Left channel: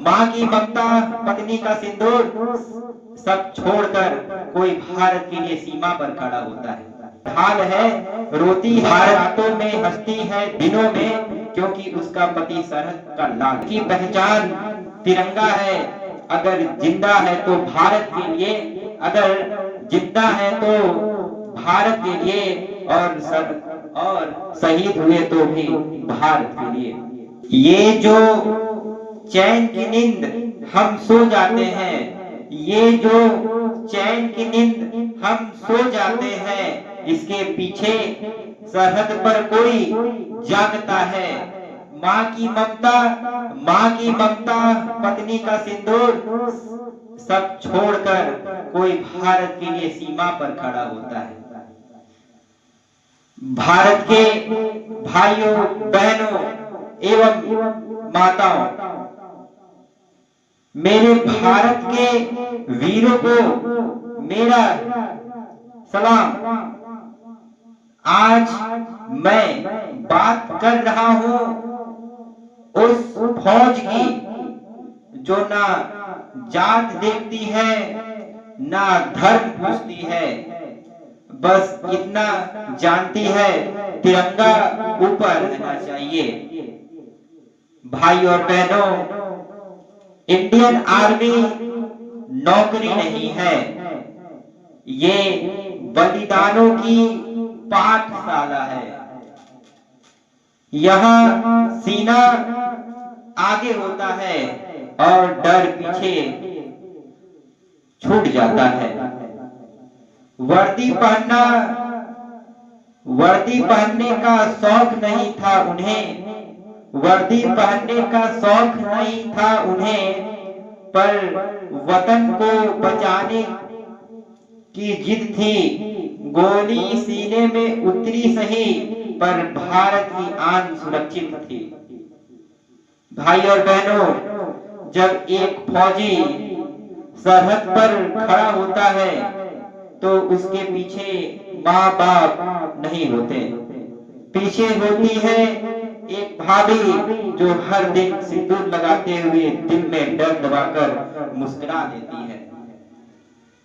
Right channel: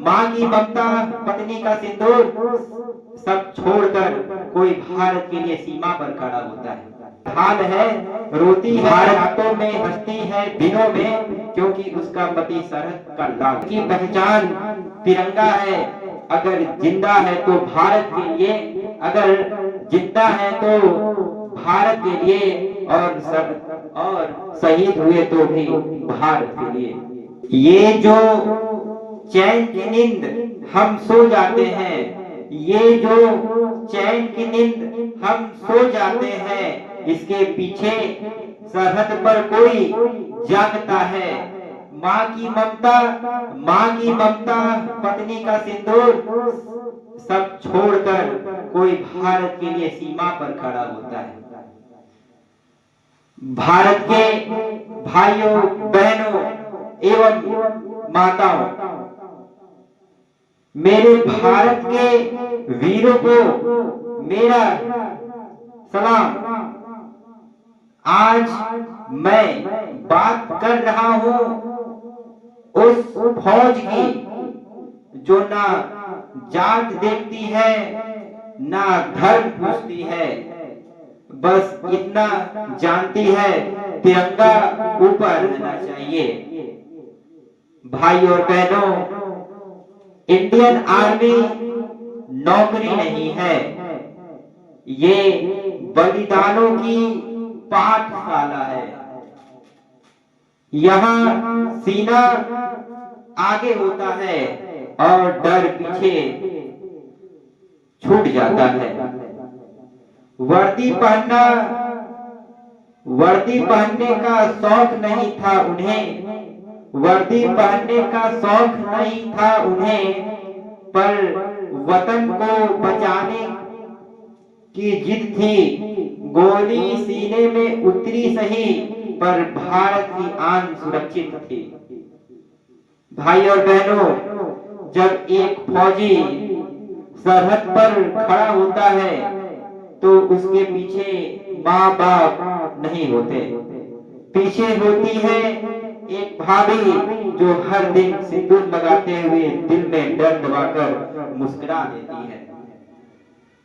माँ की ममता, पत्नी का सिंदूर सब छोड़कर कोई भारत के लिए सीमा पर खड़ा होता है। ढाल है, रोती है रातों में, हंसती है दिनों में, क्योंकि उसका पति सरहद का लाल की पहचान तिरंगा है। अगर जिंदा है तो भारत के लिए, अगर जिंदा है तो भारत के लिए, और शहीद हुए तो भी भारत के लिए। ये जो चैन की नींद हम सो जाते हैं, ये जो चैन की नींद हम सो जाते हैं, इसके पीछे सरहद पर कोई जागता है। माँ की ममता, माँ की ममता, पत्नी का सिंदूर सब छोड़कर कोई भारत के लिए सीमा पर खड़ा होता है। भारत के भाइयों, बहनों एवं माताओं, मेरे भारत के वीरों को मेरा सलाम। आज मैं बात कर रहा हूं उस फौज की जो ना जात देखती है, ना धर्म पूछती है, बस इतना जानती है तिरंगा ऊपर रहना चाहिए। भाई और बहनों, इंडियन आर्मी नौकरी नहीं है, ये बलिदानों की पाठशाला है। यहाँ सीना आगे होता है और डर पीछे छूट जाता है। वर्दी पहनना, वर्दी पहनने का शौक नहीं था उन्हें, वर्दी पहनने का शौक नहीं था उन्हें, पर वतन को बचाने की जिद थी। गोली सीने में उतरी सही, पर भारत की आन सुरक्षित थी। भाई और बहनों, जब एक फौजी सरहद पर खड़ा होता है तो उसके पीछे माँ बाप नहीं होते, पीछे होती है एक भाभी जो हर दिन सिंदूर लगाते हुए दिल में डर दबाकर मुस्कुरा देती है।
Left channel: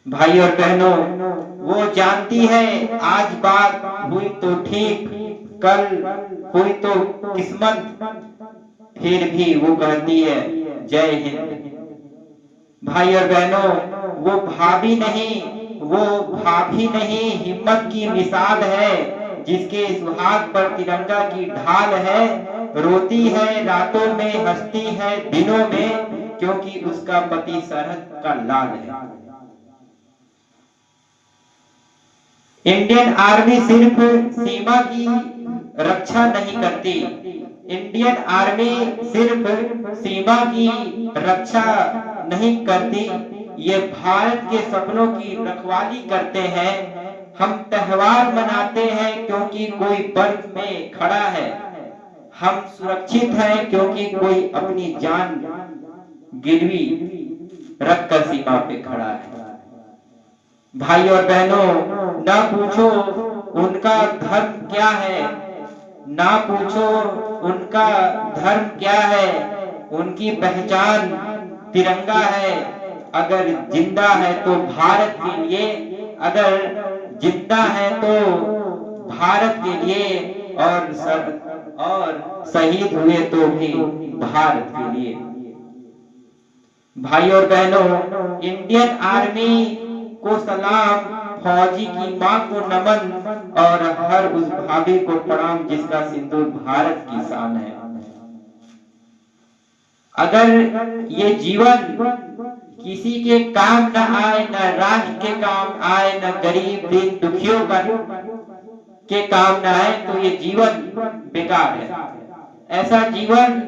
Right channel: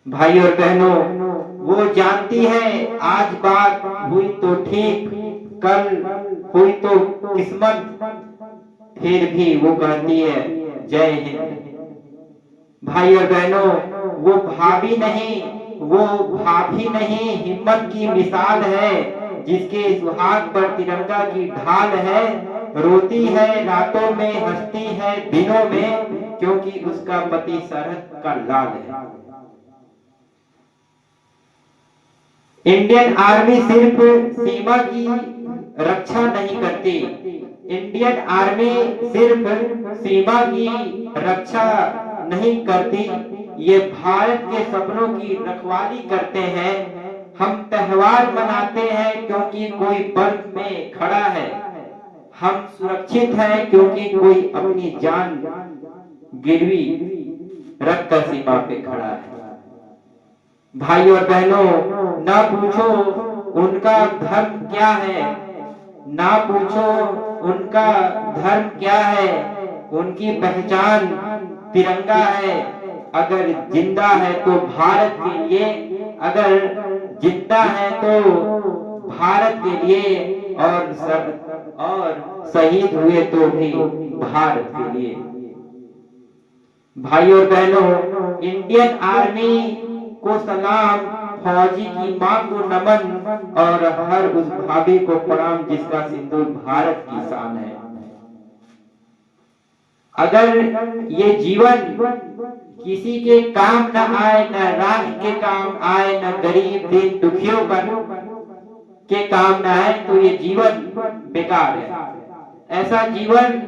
भाई और बहनों, वो जानती है आज बात हुई तो ठीक, कल हुई तो किस्मत, फिर भी वो कहती है जय हिंद। भाई और बहनों, वो भाभी नहीं, वो भाभी नहीं, हिम्मत की मिसाल है, जिसके सुहाग पर तिरंगा की ढाल है। रोती है रातों में, हंसती है दिनों में, क्योंकि उसका पति सरहद का लाल है। इंडियन आर्मी सिर्फ सीमा की रक्षा नहीं करती, इंडियन आर्मी सिर्फ सीमा की रक्षा नहीं करती, ये भारत के सपनों की रखवाली करते हैं। हम त्योहार मनाते हैं क्योंकि कोई बर्फ में खड़ा है, हम सुरक्षित हैं क्योंकि कोई अपनी जान गिरवी रखकर सीमा पे खड़ा है। भाई और बहनों, ना पूछो उनका धर्म क्या है, ना पूछो उनका धर्म क्या है, उनकी पहचान तिरंगा है। अगर जिंदा है तो भारत के लिए, अगर जिंदा है तो भारत के लिए, और शहीद हुए तो भी भारत के लिए। भाई और बहनों, इंडियन आर्मी को सलाम, फौजी की मां को नमन, और हर उस भाभी को प्रणाम जिसका सिंदूर भारत की शान है। अगर ये जीवन किसी के काम न आए, न राष्ट्र के काम आए, न गरीब दीन दुखियों के काम न आए, तो ये जीवन बेकार है। ऐसा जीवन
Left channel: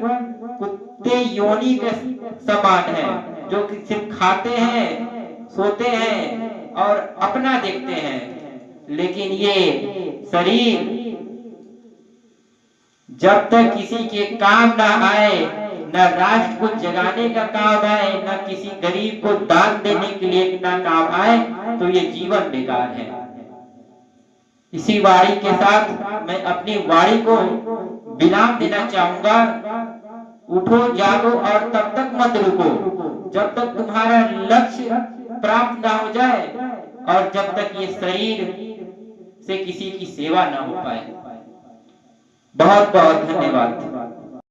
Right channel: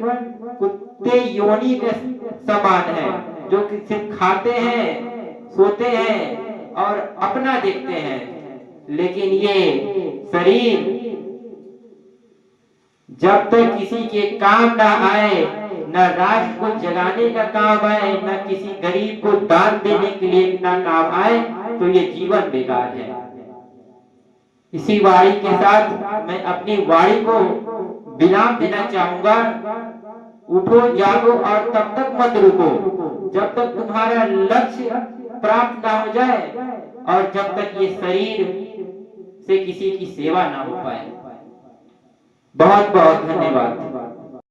कुत्ते योनि के समान है, जो कि सिर्फ खाते हैं, सोते हैं और अपना देखते हैं, लेकिन ये शरीर जब तक किसी के काम ना आए, न राष्ट्र को जगाने का काम आए, न किसी गरीब को दान देने के लिए ना काम आए, तो ये जीवन बेकार है। इसी वाणी के साथ मैं अपनी वाणी को विराम देना चाहूंगा। उठो जागो और तब तक मत रुको जब तक तुम्हारा लक्ष्य प्राप्त ना हो जाए और जब तक ये शरीर से किसी की सेवा ना हो पाए। बहुत बहुत धन्यवाद।